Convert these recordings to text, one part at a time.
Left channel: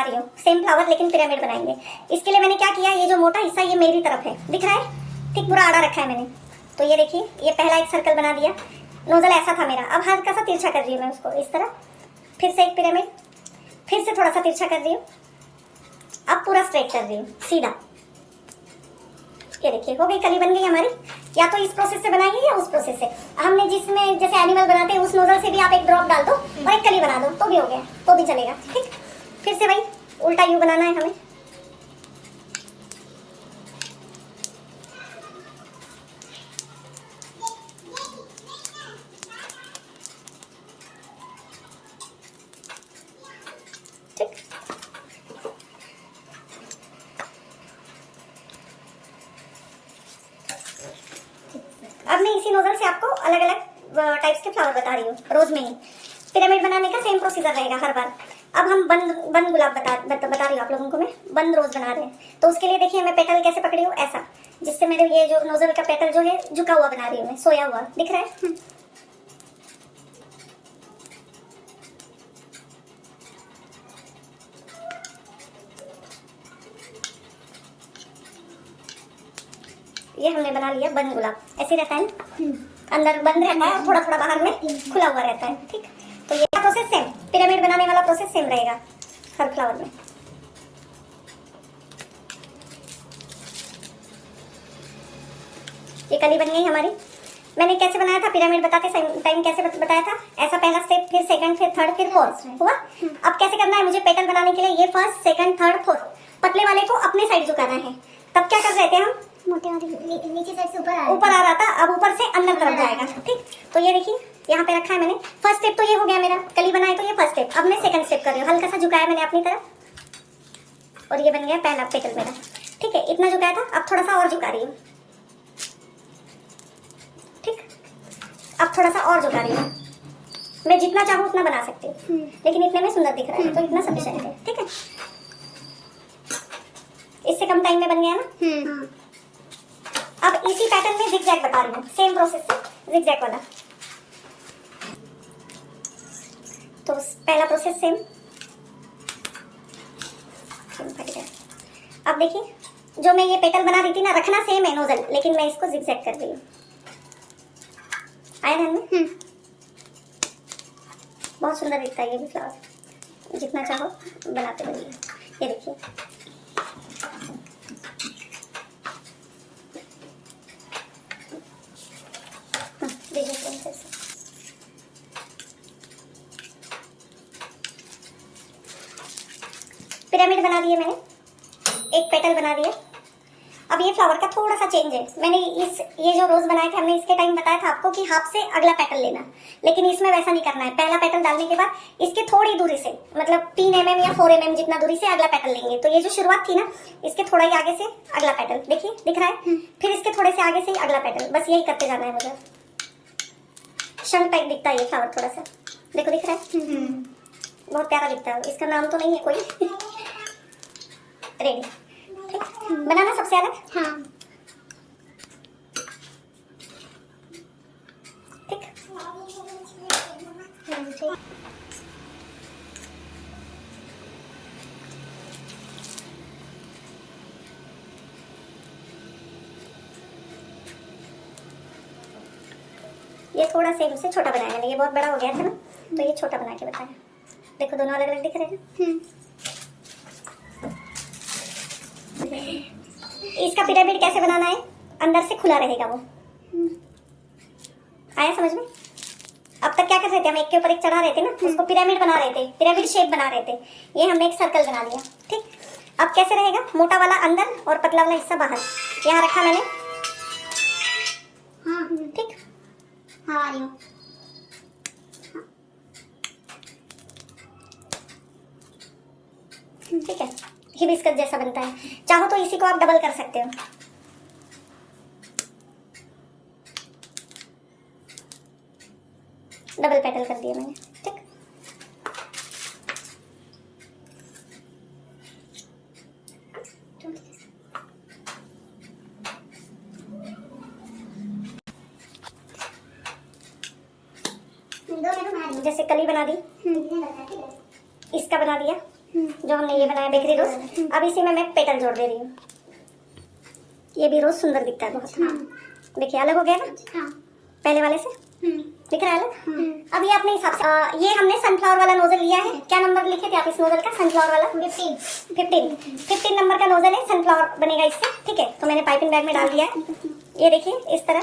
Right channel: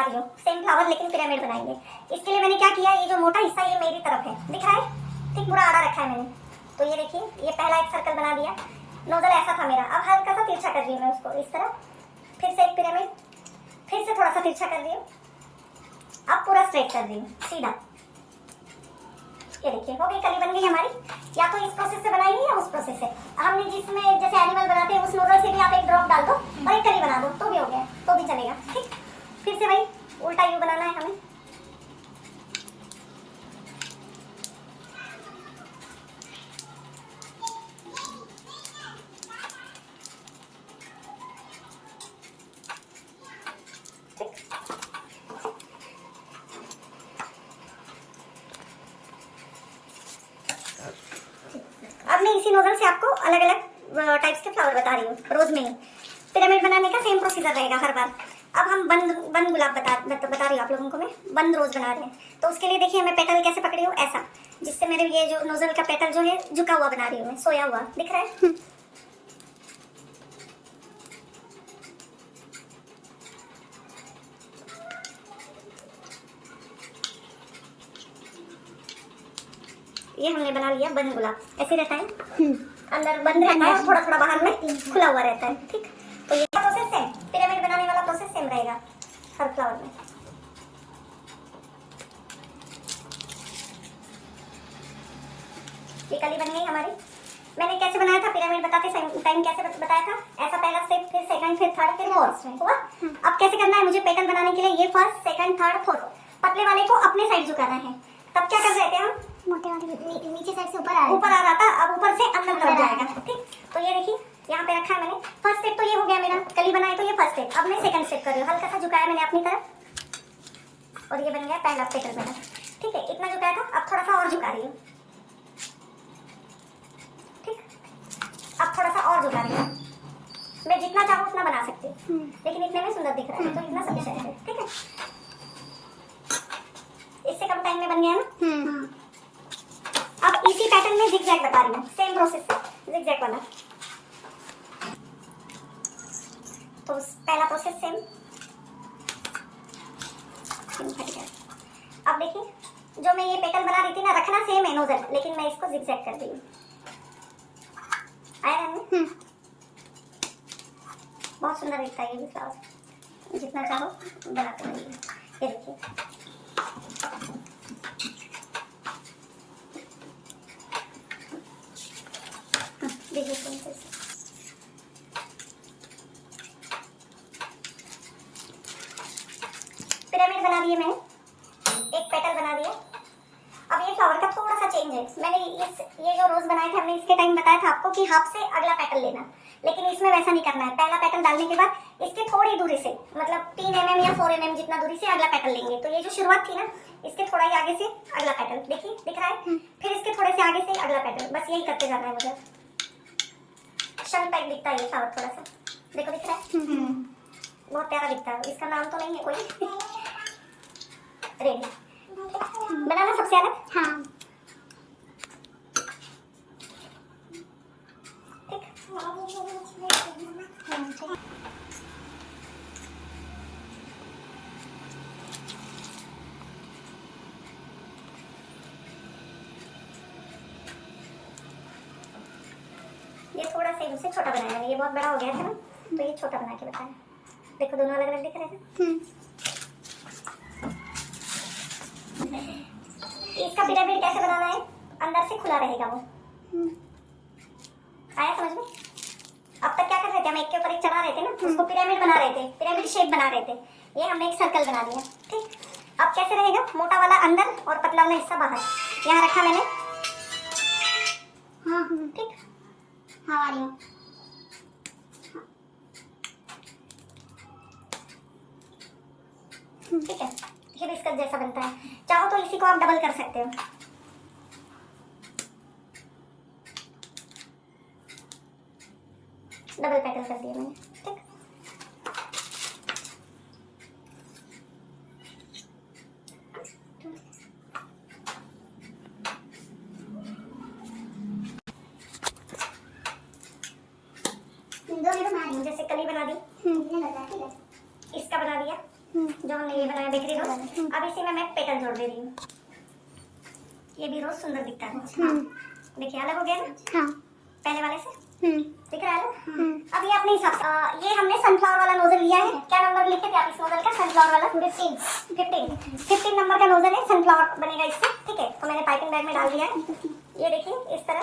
बता रही हूँ, सेम फ्लावर लेकिन पिरामिड बनाएंगे। इसके लिए मैंने क्या किया, ये जो मोटा हिस्सा ये मेरी तरफ है, दिख रहा है, ठीक पूरा आड़ा रखा है मैंने। तो ये देखिए, ये पहला एक सर्कल बना दिया, नोजल ऐसा था मेरा, अब हल्का सा तिरछा कर रही हूँ मैं उसको इस तरह, फिर से एक पिरामिड, फिर से थोड़ा सा तिरछा कर रही हूँ, अब पूरा स्ट्रेट कर रही हूँ सीधा। ये देखिए हो गई, कली बन गई हमारी। या तो इस प्रोसेस से बनाइए या उस प्रोसेस से, हमने जिसमें जैसे एनिमल बनाते हैं उस नोजल से भी आप एक ड्रॉप डाल दो और एक कली बना दो तो भी हो गया, तो भी चलेगा। ठीक, फिर से भाई उल्टा यू बनाना है हमें। अब मैं इसी नोजल से आपको अलग अलग टाइप्स के फ्लावर बता रही हूँ, रोज में ही पिरामिड बनाने का सेम प्रोसीजर रहेगा हर बार। अब हम बंद गुलाब बता रही हूँ आप लोगों को, मैं बंद रोज बना रहे हैं। तो उसके लिए देखिए मैं पेटल कैसे पकड़ी हूँ, ऐसा, जिससे मेरे ये जो नोजल का पेटल जो है झुका हुआ बना रही हूँ मैं, सोया हुआ, दिख रहा है। ये हमने बना लिया बंद गुलाब, ऐसे रहता है, अंदर बंद रहता है और थोड़ा थोड़ा बाहर में खुला हुआ रहता है। ठीक, तो ये प्रोसेस सेम, पिरामिड बनाने वाला प्रोसेस सेम रहेगा हर फ्लावर में। ये कली बन गई हमारी। मैंने कैसे बनाया था पिरामिड बताते टाइम, कैसे बताया था, ऐसा पहला स्टेप, फिर सेकंड, फिर थर्ड, फिर फोर्थ हुआ। अब कैसे करना है मुझे पेटल बनाने के लिए, ये फर्स्ट सेकंड थर्ड फोर्थ, पतले वाले को अपने साइड झुकाना है। तब क्या कर रहे थे हम, मोटे वाले नीचे साइड से ऊपर आ रहा था, अब ऊपर से अंदर तरफ जाएगा। ठीक, तो ये देखिए यहाँ पे रखा है मैंने, फर्स्ट स्टेप तो ये हो गया मेरा, कली बनाए तो ये फर्स्ट स्टेप। अब मैं सेकंड स्टेप कर रही हूँ, हल्का सा झुकाया मैंने अपनी तरफ और ये बन गया पहला पेटल मेरा। ठीक है, इतना झुकाया था, अब थोड़ा सा और झुका रही हूँ। ठीक, अब थोड़ा सा और झुका रही हूँ, मैं जितना चाहूँ उतना बना सकती हूँ, लेकिन इतने में सुंदर दिख रहा है तो इतना सफिशिएंट है। ठीक है, इससे कम टाइम में बन गया ना। अब इसी पैटर्न में जिगजैग बता रही हूँ, सेम प्रोसेस से जिगजैग वाला। तो पहला प्रोसेस सेम। अब देखिए जो मैं ये पेटल बना रही थी ना, रखना सेम है नोजल, लेकिन मैं इसको जिगजैग कर रही हूँ। आया ध्यान में? बहुत सुंदर दिखता है ये भी फ्लावर, जितना चाहो बनाते रहिए। ये देखिए पिरामिड बना दिए मैंने, एक पेटल बना दिया। अब ये फ्लावर का थोड़ा सा चेंज है, मैंने ये जो रोज बनाए थे हमने इसके टाइम बताया था आपको कि हाथ से अगला पेटल लेना, लेकिन इसमें वैसा नहीं करना है। पहला पेटल डालने के बाद इसके थोड़ी दूरी से, मतलब 3 mm या 4 mm जितना दूरी से अगला पेटल लेंगे। तो ये जो शुरुआत थी ना, इसके थोड़ा ही आगे से अगला पेटल, देखिए दिख रहा है, फिर इसके थोड़े से आगे से अगला पेटल, बस यही करते जाना है। मुझे शंख टाइप दिखता है ये फ्लावर, थोड़ा सा देखो दिख रहा है, बहुत प्यारा दिखता है। इसका नाम तो नहीं है कोई, रेडी बनाना सबसे अलग। हाँ, ठीक, ये थोड़ा सा इसे छोटा बनाया मैंने, ये बहुत बड़ा हो गया था ना, तो ये छोटा बना के बताया। देखो दोनों अलग अलग दिख रहे हैं। इसका पिरामिड कैसे बनाना है, अंदर से खुला रहेगा वो। आया समझ में? अब तक क्या कर रहे थे हम, एक के ऊपर एक चढ़ा रहे थे ना, उसको पिरामिड बना रहे थे, पिरामिड शेप बना रहे थे। ये हमने एक सर्कल बना दिया। ठीक, अब कैसे रहेगा, मोटा वाला अंदर और पतला वाला हिस्सा बाहर, यहाँ रखा मैंने। ठीक, हाँ आ रही हूँ। ठीक है, हिबिस्कस जैसा बनता है। चाहो तो इसी को आप डबल कर सकते हो। डबल पेटल कर दिया मैंने। ठीक, जैसे कली बना दी, इसका बना दिया, जो हमने ये बनाया बेकरी रोज। अब इसी में मैं पेटल जोड़ दे रही हूँ। ये भी रोज सुंदर दिखता है बहुत। देखिए अलग हो गया ना हाँ। पहले वाले से, दिख रहा है ना। अब ये अपने हिसाब से ये हमने सनफ्लावर वाला नोजल लिया है। क्या नंबर लिखे थे आप इस नोजल का? सनफ्लावर वाला 15 नंबर का नोजल है। सनफ्लावर बनेगा इससे, ठीक है। तो मैंने पाइपिंग बैग में डाल दिया है। ये देखिए इस तरह।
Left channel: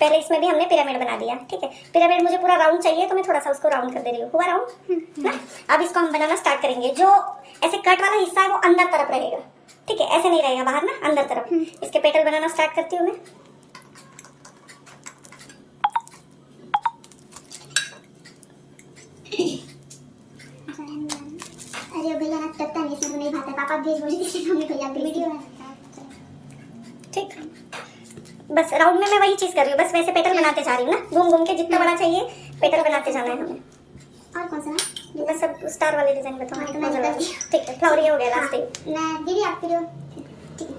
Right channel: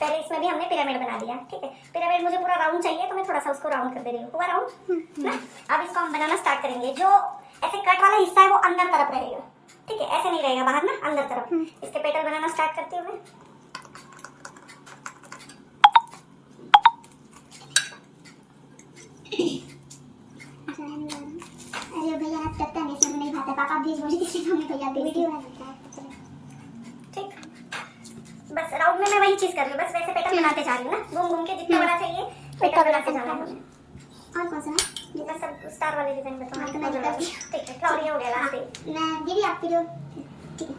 पहले इसमें भी हमने पिरामिड बना दिया, ठीक है। पिरामिड मुझे पूरा राउंड चाहिए तो मैं थोड़ा सा उसको राउंड कर दे रही हूँ। हुआ राउंड ना। अब इसको हम बनाना स्टार्ट करेंगे। जो ऐसे कट वाला हिस्सा है वो अंदर तरफ रहेगा, ठीक है। ऐसे नहीं रहेगा बाहर ना, अंदर तरफ। इसके पेटल बनाना स्टार्ट करती हूँ मैं। अरे भैया ना तब तक इसमें नहीं भाता। पापा भेज बोले किसी को भैया वीडियो ठीक। बस राउंड में मैं वही चीज कर रही हूँ, बस वैसे पेटल बनाते जा रही हूँ ना। घूम घूम के जितना बड़ा चाहिए पेटल बनाते जाना है हमें। और कौन सा ना? बस सब स्टार वाले डिजाइन बताओ। हाँ, तो मैंने कर दिया। ठीक है, फ्लावर ये हो गया लास्ट। मैं दीदी आप वीडियो ठीक है।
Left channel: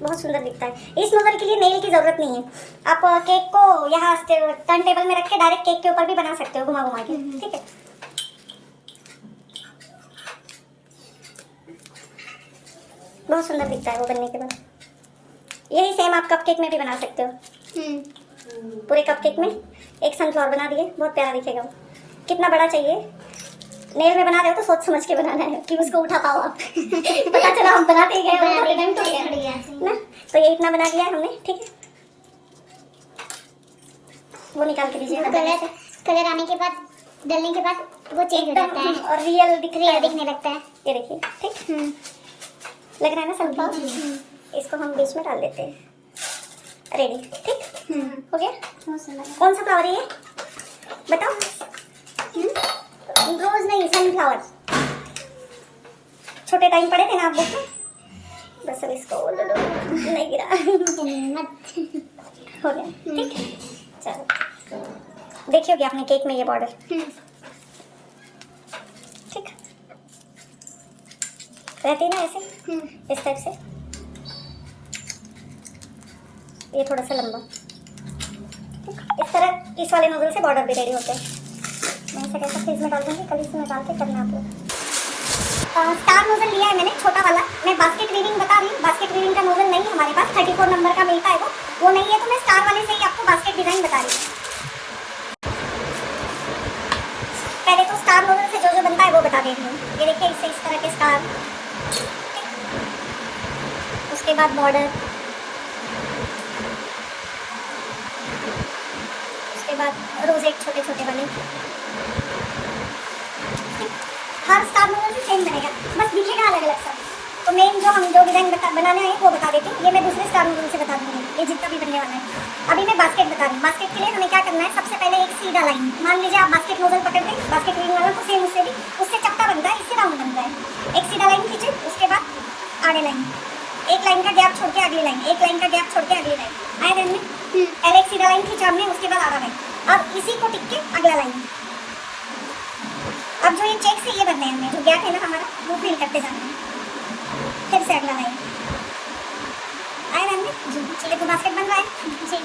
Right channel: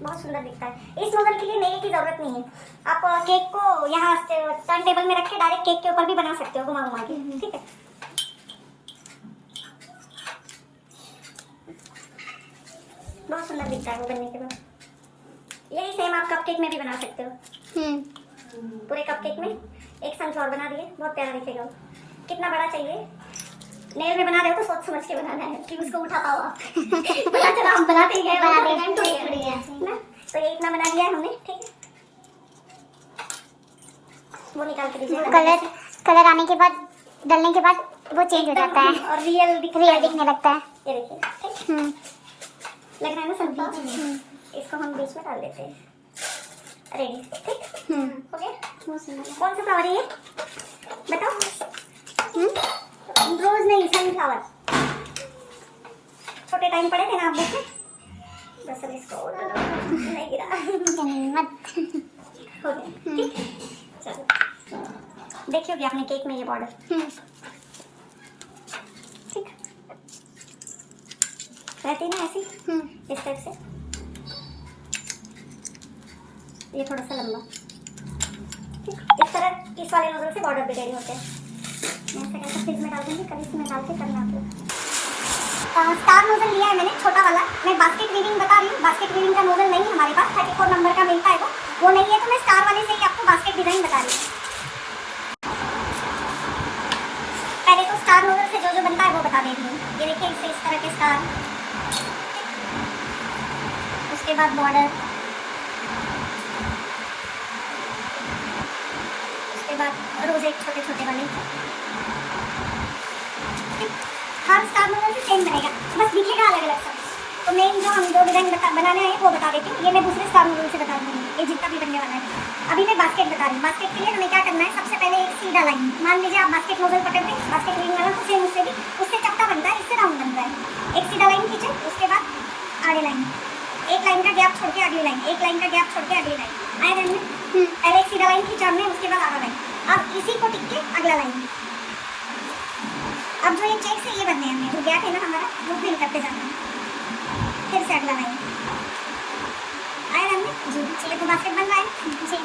बहुत सुंदर दिखता है। इस नोजल के लिए नेल की जरूरत नहीं है। आप केक को यहाँ टर्न टेबल में रख के डायरेक्ट केक के ऊपर भी बना सकते हो, घुमा घुमा के, ठीक है। बहुत सुंदर दिखता है वो बनने के बाद। यही सेम आप कपकेक में भी बना सकते हो। पूरे कपकेक में एक सनफ्लावर बना दिए, बहुत प्यारा दिखेगा वो। कितना बड़ा चाहिए? नेल में बना रहे हो तो सोच समझ के बनाना है कि उसको उठा पाओ आप। पता चला हम बनाते गए बना दे ना। तो ये इतना बना दिया है हमने, ठीक है। वो निकाल के दीजिए। कलर आने के बाद, डलने के बाद वो चेंज हो जाता है और रियल दिखने लगता है। ये देखिए, ठीक लग रहा है ना सब्जी। इसको हम बीच में डाल देते हैं। रेडी, ठीक हो गया। कौन सा फ्लावर है ये बताओ? रोज नहीं, सनफ्लावर। छोटे टाइम पड़े थे ना आप देखे। बस अब इसको नहीं गिरा। हो गया, ठीक। चलो देखिए हो गया अपने केक में ये बॉर्डर, ठीक रहती ना ऐसे इस टाइप से। ये थोड़ा सा लंबा, इस तरह इस वाले नोजल से बॉर्डर भी रेडी होते हैं। मैं इसे कैसे फ्रीज में डाल दूंगी, कल इसमें डाल के करना आप लोग। स्टार नोजल लिया है मैंने छोटा वाला। मैं बास्केट वीविंग बता रही हूँ। बास्केट वीविंग का नोजल नहीं है हमारे पास, 34 नंबर का मिलता है वो नहीं है। तो मैं स्टार वाले से ही आपको बास्केट डिजाइन बता रही हूँ। पहले तो स्टार नोजल से जो जो बनता है वो बता दे रही हूँ। ये देखिए इससे इस तरह के स्टार, उसके बाद बॉर्डर, उसके बाद रोजेट छोटे छोटे वाले। हर स्टार नोजल से सेम बनेगा, बस दिखेगा अलग अलग सा। तो मेन जो हम जो डिजाइन बनाने आए वो बता देते हैं। ये मैं दूसरे स्टार नोजल से बता दूंगी, ये जितना भी बनने वाला है। अभी मैं बास्केट बता रही हूँ। बास्केट के लिए हमें क्या करना है? सबसे पहले एक सीधा लाइन, मान लीजिए आप बास्केट नोजल पकड़ते हैं, बास्केट वीविंग वाला, तो सेम उससे भी उससे चपटा बनता है, इससे राउंड बनता है। एक सीधा लाइन खींचे, उसके बाद आगे लाइन, एक लाइन का गैप छोड़ के अगली लाइन, एक लाइन का गैप छोड़ के अगली लाइन। आए ध्यान में? पहले एक सीधा लाइन खींचा हमने, उसके बाद आधा लाइन। अब इसी को टिक के अगला लाइन। अब जो ये चेक से ये बनने हमने जो गैप है ना हमारा, वो फिल करते जाना है। फिर से अगला लाइन। आए ध्यान में? जी। चलिए तो बास्केट बन रहा है जी।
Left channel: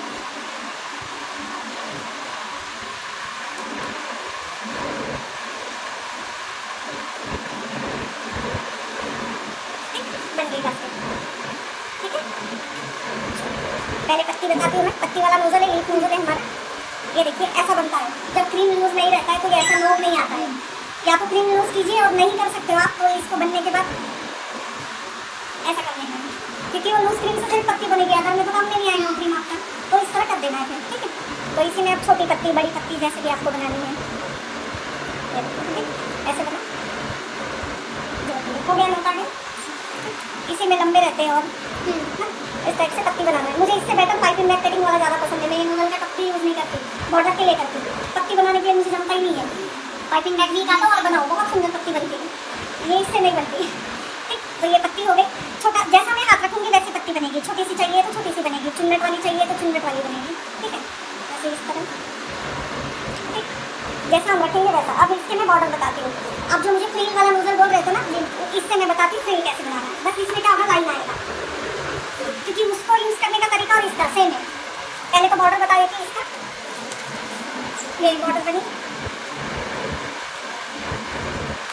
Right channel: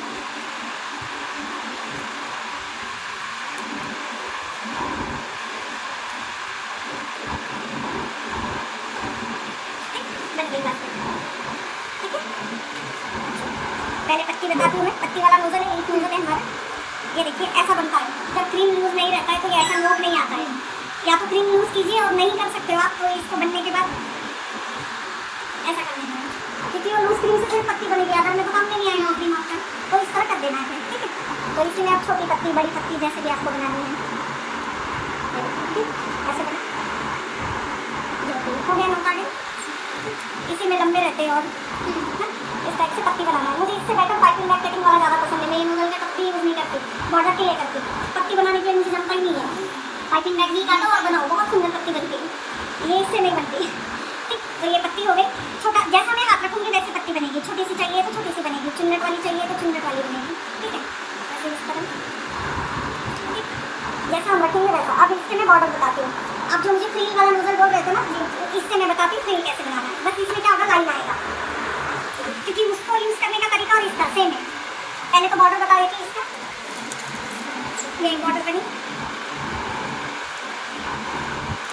बन गई बास्केट, ठीक है। पहले पत्ती बताती हूँ मैं। पत्ती वाला नोजल है, लीफ नोजल है हमारा। ये देखिए ऐसा बनता है। जब क्रीम यूज नहीं रहता है तो ये ऐसा नोट नहीं आता है। या तो क्रीम यूज कीजिए और नहीं कर सकते हो आप तो इसको बनने के बाद ऐसा करने का, क्योंकि वो लूज क्रीम से सिर्फ पत्ती बनेगी, अदर में तो काम नहीं आएगा क्रीम आपका। तो इस तरह कर देना है, ठीक है। तो इसी में आप छोटी पत्ती बड़ी पत्ती जैसे भी आपको बनानी है, ऐसे बना हो गया नोटा है। इसी में लंबे रहते हैं और इस टाइप से पत्ती बनाना है। मुझे इससे बेटर पाइपिंग बैग कटिंग वाला ज़्यादा पसंद है। मैं नोजल में पत्ती यूज नहीं करती, बॉर्डर के लिए करती। पत्ती बनाने के लिए मुझे जमता ही नहीं है। पाइपिंग बैग ही काटो और बनाओ, बहुत सुंदर पत्ती बनती है। ये इससे नहीं बनती, ठीक। तो ये पत्ती हो गई। छोटा जैसा मैं हाथ रखूंगी वैसी पत्ती बनेगी। छोटी सी चाहिए तो छोटी सी बनेगी, चुन्नट वाली चाहिए तो चुन्नट वाली बनेगी, ठीक है। ऐसे इस तरह, ठीक। जैसा हम रखेंगे वैसा। अब इससे मैं बॉर्डर बताती हूँ। अब जो मुझे फ्रील वाला नोजल बोल रहे थे ना, इससे मैं बताती हूँ फ्रील कैसे बनाना है। बस इसमें क्या होगा, लाइन आएगा, क्योंकि उसको यूज करने का तरीका और इस तरह सेम है। पहले तो बॉर्डर बता देती हूँ इसका। ये बॉर्डर बनी,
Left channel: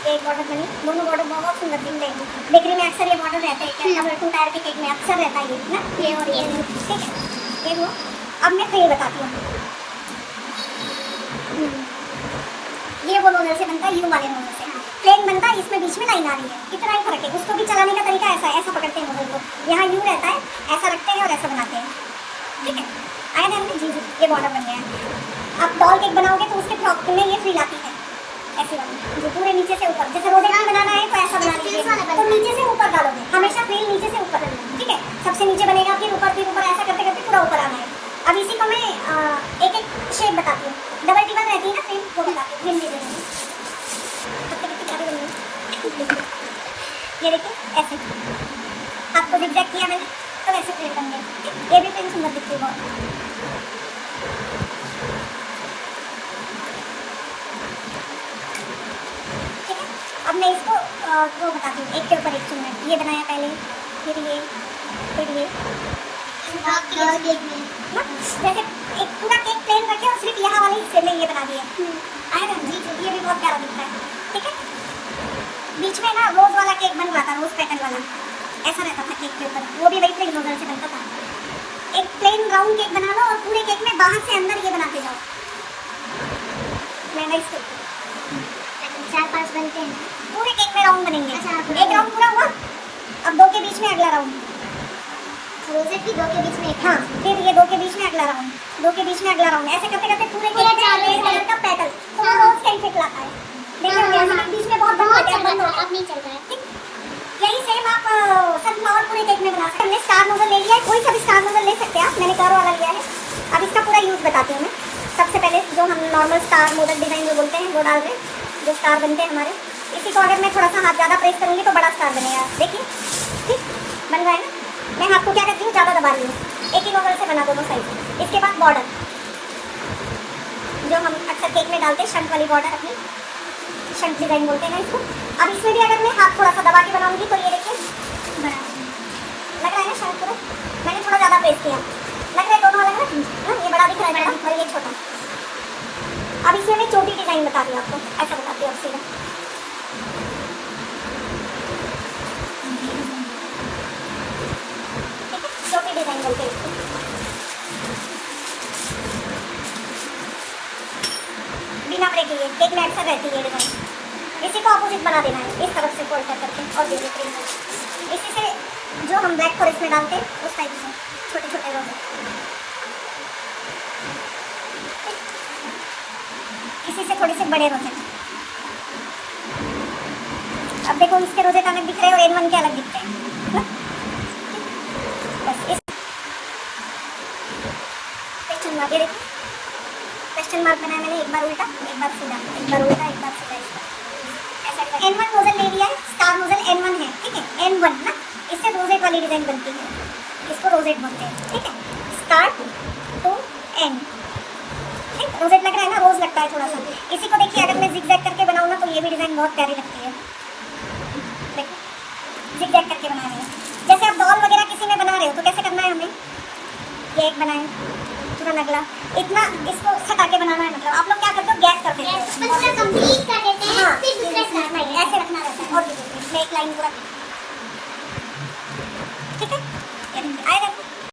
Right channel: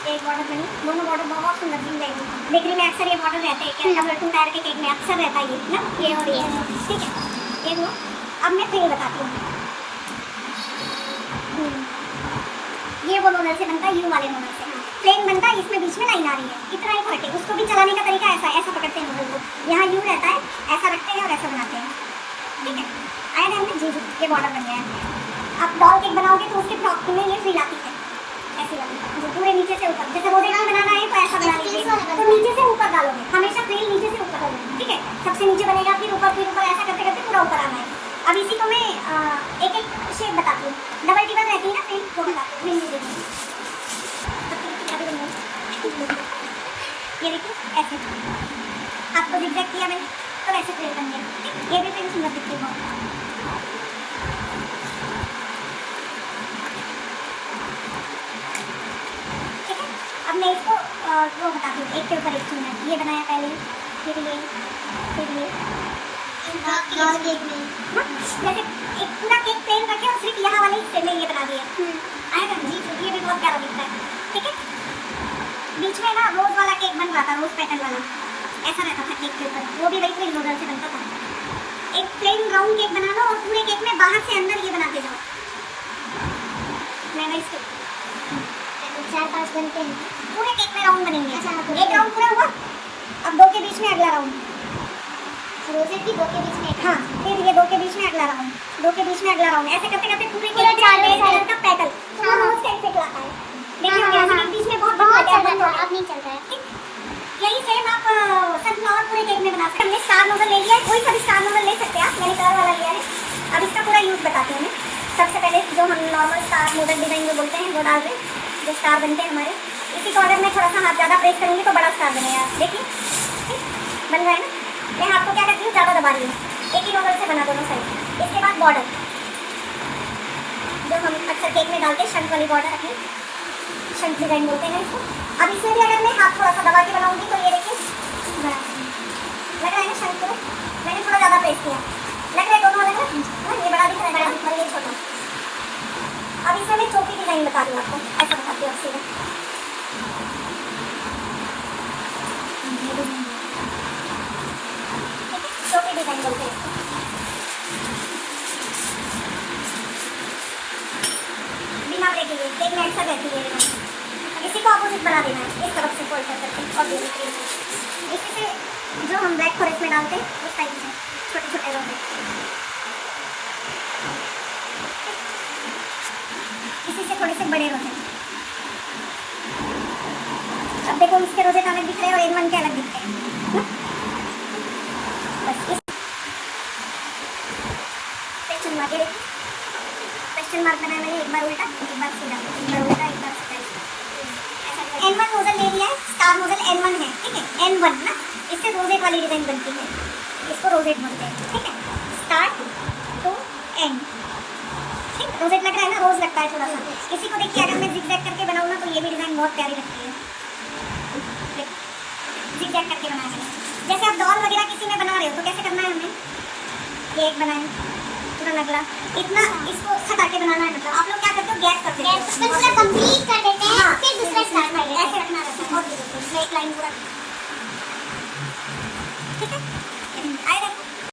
ये एक बॉर्डर बनी, दोनों बॉर्डर बहुत सुंदर दिखते हैं। बेकरी में अक्सर ये बॉर्डर रहते हैं, क्या 2 टायर के केक में अक्सर रहता है ये ना, ये और ये, ठीक है। ये लो, अब मैं प्लेन बताती हूँ। ये वो नूडल से बनता है, यू वाले नूडल से प्लेन बनता है, इसमें बीच में लाइन आ रही है, इतना ही फर्क है। उसको भी चलाने का तरीका ऐसा है, ऐसा पकड़ते हैं नूडल को, यहाँ यू रहता है, ऐसा रखते हैं और ऐसा बनाते हैं, ठीक है। आया ध्यान में, जी ये बॉर्डर बन गया है। आप डॉल केक बनाओगे तो उसके फ्रॉक में ये फ्रिल आती है, ऐसी वाली जो पूरे नीचे से ऊपर, जैसे रोज़ बनाना है तो ऐसा बना लीजिए, तो नीचे से ऊपर डालोगे, हमेशा फ्रिल नीचे से ऊपर, ठीक है। सबसे नीचे बनेगा, फिर ऊपर ऐसा करते करते पूरा ऊपर आना है। अब इसी को मैं एक एक शेप बताती हूँ, डबल टिबल रहती है ना फ्रिल, वो बताती हूँ। ये देखो ऐसे आपको जिगजैग किया मैंने तो ऐसे प्लेट बन गए, ये भी फ्रेम सुंदर दिखती है बहुत। ठीक है, अब मैं इसको वो बताती हूँ, एक के ऊपर एक चुनना, ये बनाया पहले, फिर ये जैसे एक पूरा केक प्लेन करके और सिर्फ यहाँ वाले हिस्से में ये बना दिया, आएगा जी, ये भी बहुत प्यारा दिखता है, ठीक है। बीच में ना रोज वाला केक बन रहा था, रोज पैटर्न वाला ऐसा रहता था केक के ऊपर, वो भी वही प्लेन नूडल से बनता था। एक प्लेन राउंड केक बना लो और पूरे केक में बाहर से अंदर ये बनाते जाओ। मैं इसके 4-5 बनते हैं, पूरे केक में राउंड बनेंगे। एक राउंड पूरा हुआ, अब 2 के बीच में अगला राउंड, रोजेट भी 2 के बीच में, हाँ, फिर ये 2 के बीच में अगला राउंड, 2 के बीच में अगला राउंड, ऐसे करते करते पूरे केक में कलर का पैटर्न उसका इफेक्ट लाता है। देखिए बीच में बहुत चल रहा था, अब नहीं चल रहा है, ठीक। यही सेम आप सनफ्लावर पूरे केक में बना सकते हैं। हमने स्टार नूडल ले लिया है, कोई सा भी स्टार नूडल ले सकते हैं आप, मैंने कार वाला लिया है। अब इसका पूरा यूज बताती हूँ मैं। सबसे पहले जो हम नॉर्मल स्टार नूडल डिजाइन जो बोलते हैं वो डाल दें, जो स्टार बनते हैं हमारे। इसी को अगर मैं थोड़ा सा हाथ ज़्यादा प्रेस करूँगी तो बड़ा स्टार बनेगा, देखिए ठीक बन रहा है ना। मैं आपको क्या करती हूँ, ज़्यादा दबा रही हूँ, एक ही नूडल से बना दोनों साइड। इसके बाद बॉर्डर जो हम अक्सर केक में डालते हैं, शंख वाली बॉर्डर रखी, शंख डिजाइन बोलते हैं इसको। अब इसमें भी अगर मैं हाथ थोड़ा सा दबा के बनाऊंगी तो ये देखिए बना लग रहा है ना शंख को, मैंने थोड़ा ज़्यादा प्रेस किया, लग रहा है दोनों वाला ना, ये बड़ा दिख रहा है, बड़ा दिख रहा है, ये छोटा। अब इसमें मैं छोटी डिजाइन बता दूँ आपको, ऐसा बताती हूँ सीधे, छोटी डिजाइन बोलते हैं इसको। बिना ब्रेक लिए केक में अक्सर रहती है डिजाइन, इसी को अपोजिट बना देना है, इस तरफ से फोल्ड करके और इसी से जो हम ब्लैक फॉरेस्ट में डालते हैं उस टाइप से छोटे छोटे रोज, इसी से थोड़े से बड़े रोजे। अब देखो इसके रोजे अलग दिख रहे हैं और एन वन के अलग दिखते हैं। क्वेश्चन मार्क बनाया मैंने, एक बार उल्टा एक बार सीधा, एक बार उल्टा एक बार सीधा, ऐसा N1 नोजल ले लिया है, स्टार नोजल N1 है, ठीक है, N1 ना, इससे रोजेट वाली डिजाइन बनती है, इसको रोजेट बोलते हैं, ठीक है। स्टार्ट टू एंड, ठीक, रोजेट लग रहा है ना, रोज लगता है थोड़ा सा। इसी को देखिए अगर मैं जिगजैग करके बनाऊँ ना तो ये भी डिजाइन बहुत प्यारी लगती है, देखिए जिगजैग करके बना देना। जैसे आप डॉल वगैरह किसी में बना रहे हो तो कैसे करना है हमें, ये एक बनाए पूरा नगला, इतना इसको सटा के बनाना है। मतलब आप लोग क्या करते हो, गैप करते हो, पूरा कंप्लीट कर देते हैं, फिर दूसरा स्टार्ट करेंगे, ऐसे रखना रहता है। और मैं एक लाइन पूरा